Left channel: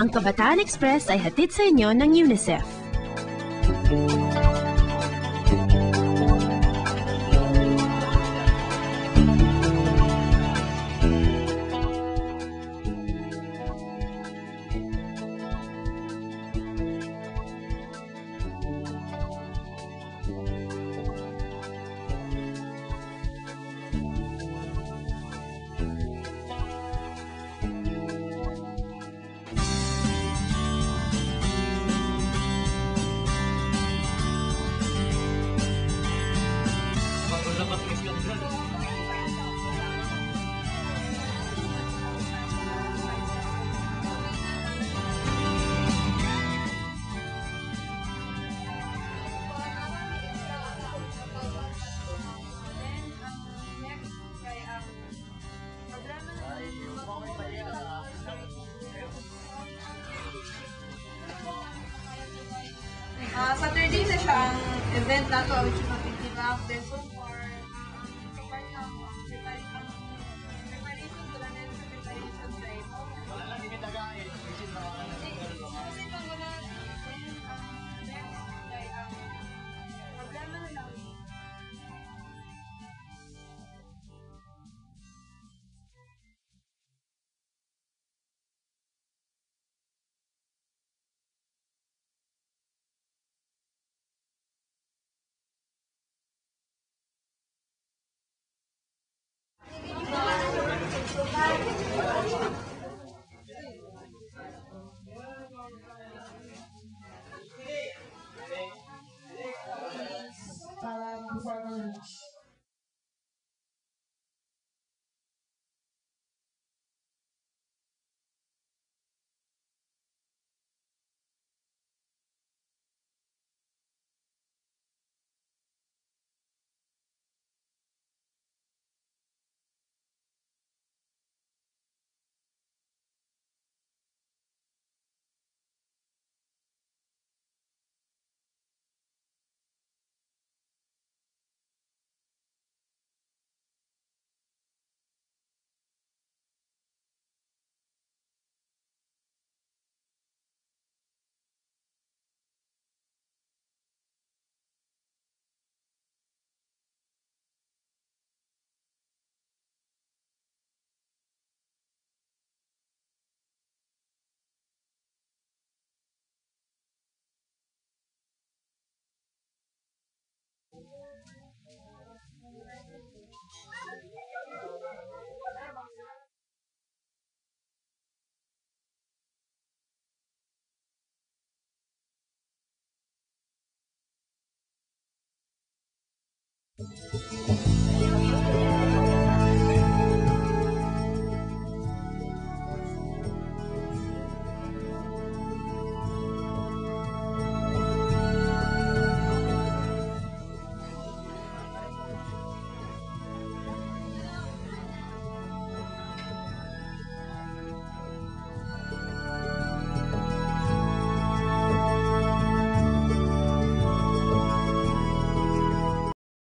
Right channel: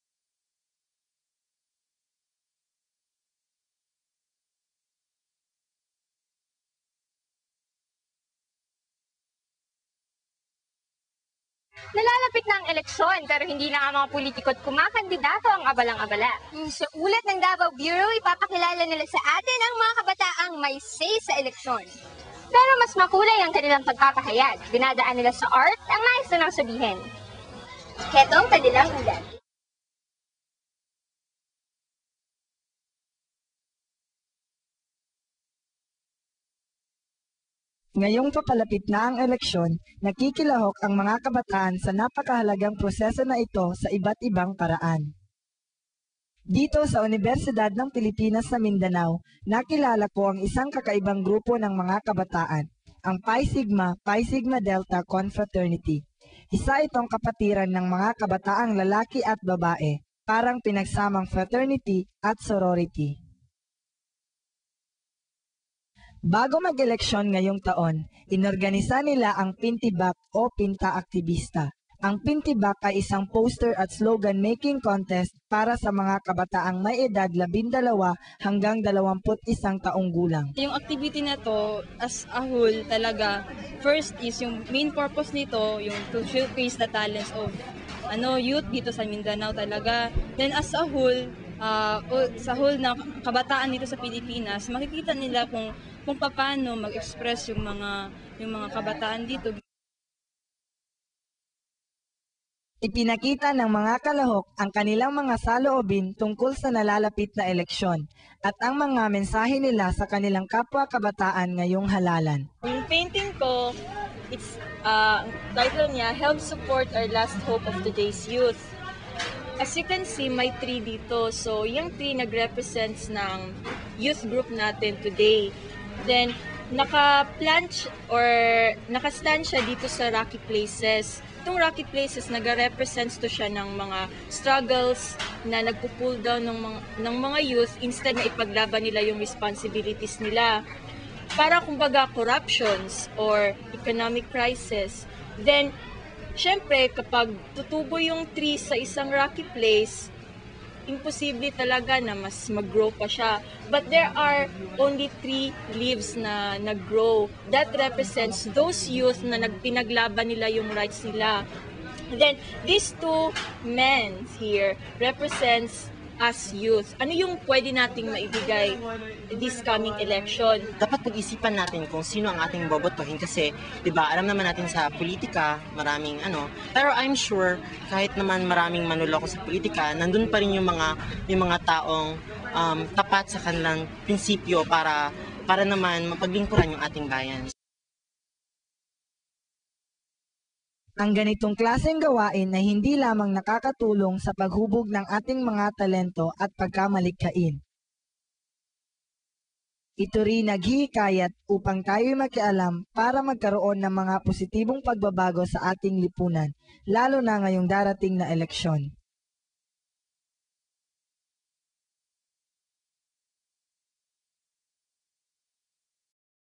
Ang Kabataan Express ay hatid sa inyo ng UNICEF. Nalalapit na ang eleksyon pero hindi na nga mga politiko at kumakandidato ang abalang-abala. Sa ulat ng Davao Bureau, ipapakilala nila sa atin ang mga kabataang may say sa eleksyon. Pero mas makulay ang kanilang pagpapahayag. Dinadaan nila sa art ang nais nilang sabihin. Heto ang kanilang ulat. Ngayong papalapit na ang eleksyon, nakikilahok ang mga kabataan sa napakahalagang proseso na ito sa iba't ibang paraan. Dito sa Universidad ng Pilipinas sa Mindanao, nakilala ko ang isang kakaibang grupo ng mga kabataan, ang Pi Sigma Delta Confraternity. Isa itong kapatiran ng mga kabataang lalaki at babae, parang pinagsamang fraternity at sorority. Saturday na siya ang event na to. Bago mag-eleksyon ngayong taon, inorganisa nila ang Pintibak o Pinta Aktivista. Ang Pintibak ay isang poster at slogan making contest para sa mga kabataang may edad 12 hanggang 21 taong gulang. Yung activity na to, as a whole talaga, first is yung main purpose nito, yung to showcase the talents of youth dito sa Mindanao talaga. Then as a whole, sa whole na kabataan dito sa Pilipinas, makikita nila kung paano mag-express yung mga kabataan dito. Ipinakita ng mga kalahok ang kanilang mga saloobin tungkol sa nalalapit na eleksyon at ang mga mensahe nila sa kanilang kapwa kabataan ngayong halalan. Yung painting ko, it's title niya, Help Support Our Last Hope of Today's Youth. As you can see, may tree dito. So, yung tree nag-represents ng youth group natin today. Then, naka-plant or naka-stand siya dito sa Rocky Places. Itong Rocky Places, nag-represents to siya ng mga struggles na nagpo-pull down ng mga youth instead na ipaglaban nila yung responsibilities nila. Para kumbaga corruptions or economic crisis. Then, syempre, kapag tutubo yung tree sa isang rocky place, imposible talaga na mas mag-grow pa siya. But there are only 3 leaves na nag-grow. That represents those youth na pinaglaban nila yung rights nila. Then, these 2 men here represents us youth. Ano yung pwede nating maibigay this coming election? Dapat pag-isipan natin kung sino ang ating bobotohin kasi, 'di ba, alam naman natin sa politika, maraming pero I'm sure kahit naman maraming manloloko sa politika, nandun pa rin yung mga taong tapat sa kanilang prinsipyo para naman mapaglingkuran yung ating bayan. Ang ganitong klaseng gawain ay hindi lamang nakakatulong sa paghubog ng ating mga talento at pagkamalikhain. Ito rin naghihikayat upang tayo'y makialam para magkaroon ng mga positibong pagbabago sa ating lipunan, lalo na ngayong darating na eleksyon.